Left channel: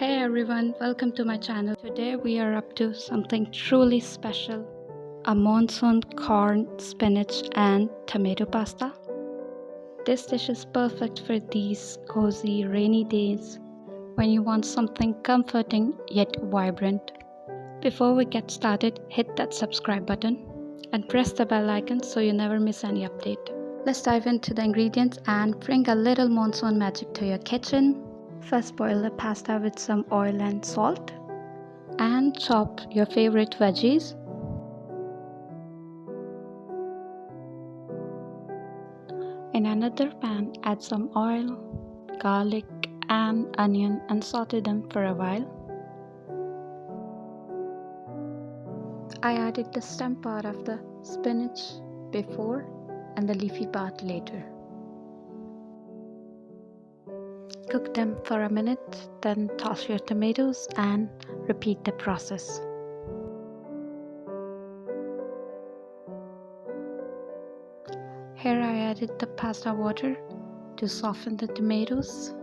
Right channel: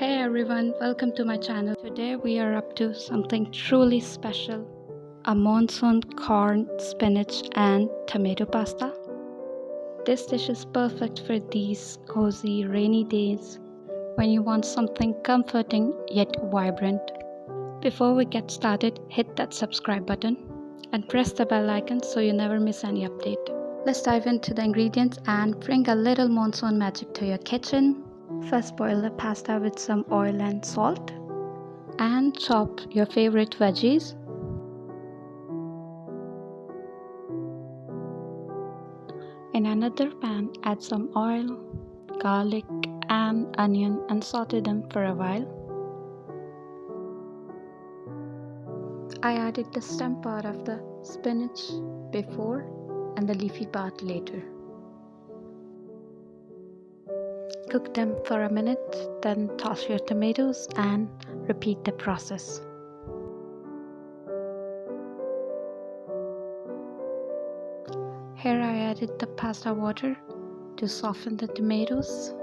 Hey everyone, welcome to my channel. Today we are up to something truly special, a monsoon corn, spinach and tomato pasta. This dish is perfect for these cozy rainy days when you want something comforting yet vibrant. Before we get started, hit that subscribe button and press the bell icon so you never miss any update. Let's dive into the ingredients and bring a little monsoon magic to your kitchen. First, boil the pasta with some oil and salt and chop your favorite veggies. In another pan, add some oil, garlic and onion and saute them for a while. I added the stem part of the spinach before and the leafy part later. Cook them for a minute, then toss your tomatoes and repeat the process. Here I added the pasta water to soften the tomatoes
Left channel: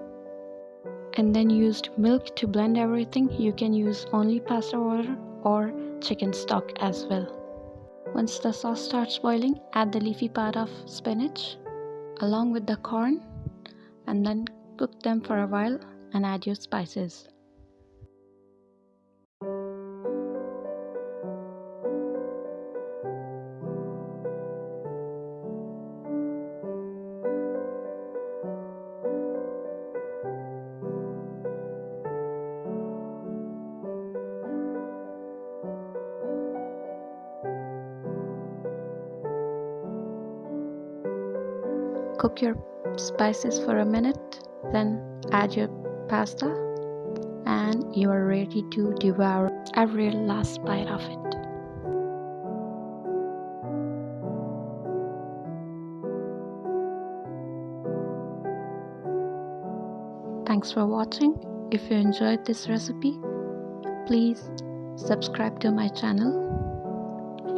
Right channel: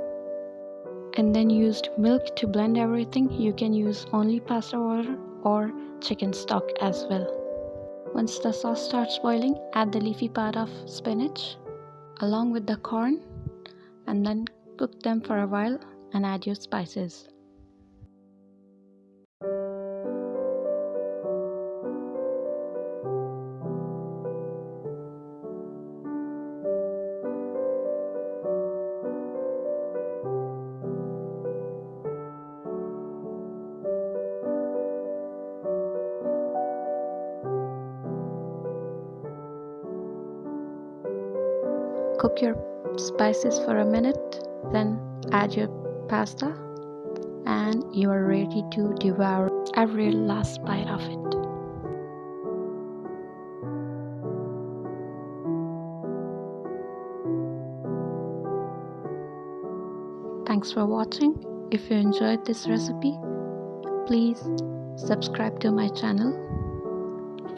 and then used milk to blend everything. You can use only pasta water or chicken stock as well. Once the sauce starts boiling, add the leafy part of spinach along with the corn and then cook them for a while and add your spices. Cook your spices for a minute, then add your pasta and you are ready to devour every last bite of it. Thanks for watching. If you enjoyed this recipe, please subscribe to my channel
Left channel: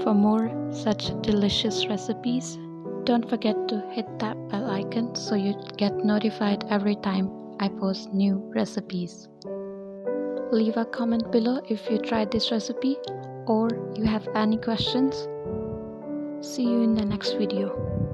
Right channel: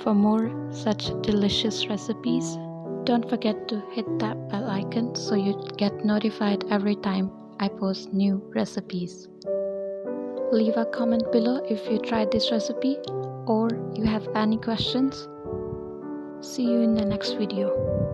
for more such delicious recipes. Don't forget to hit that bell icon so you get notified every time I post new recipes. Leave a comment below if you tried this recipe or you have any questions. See you in the next video.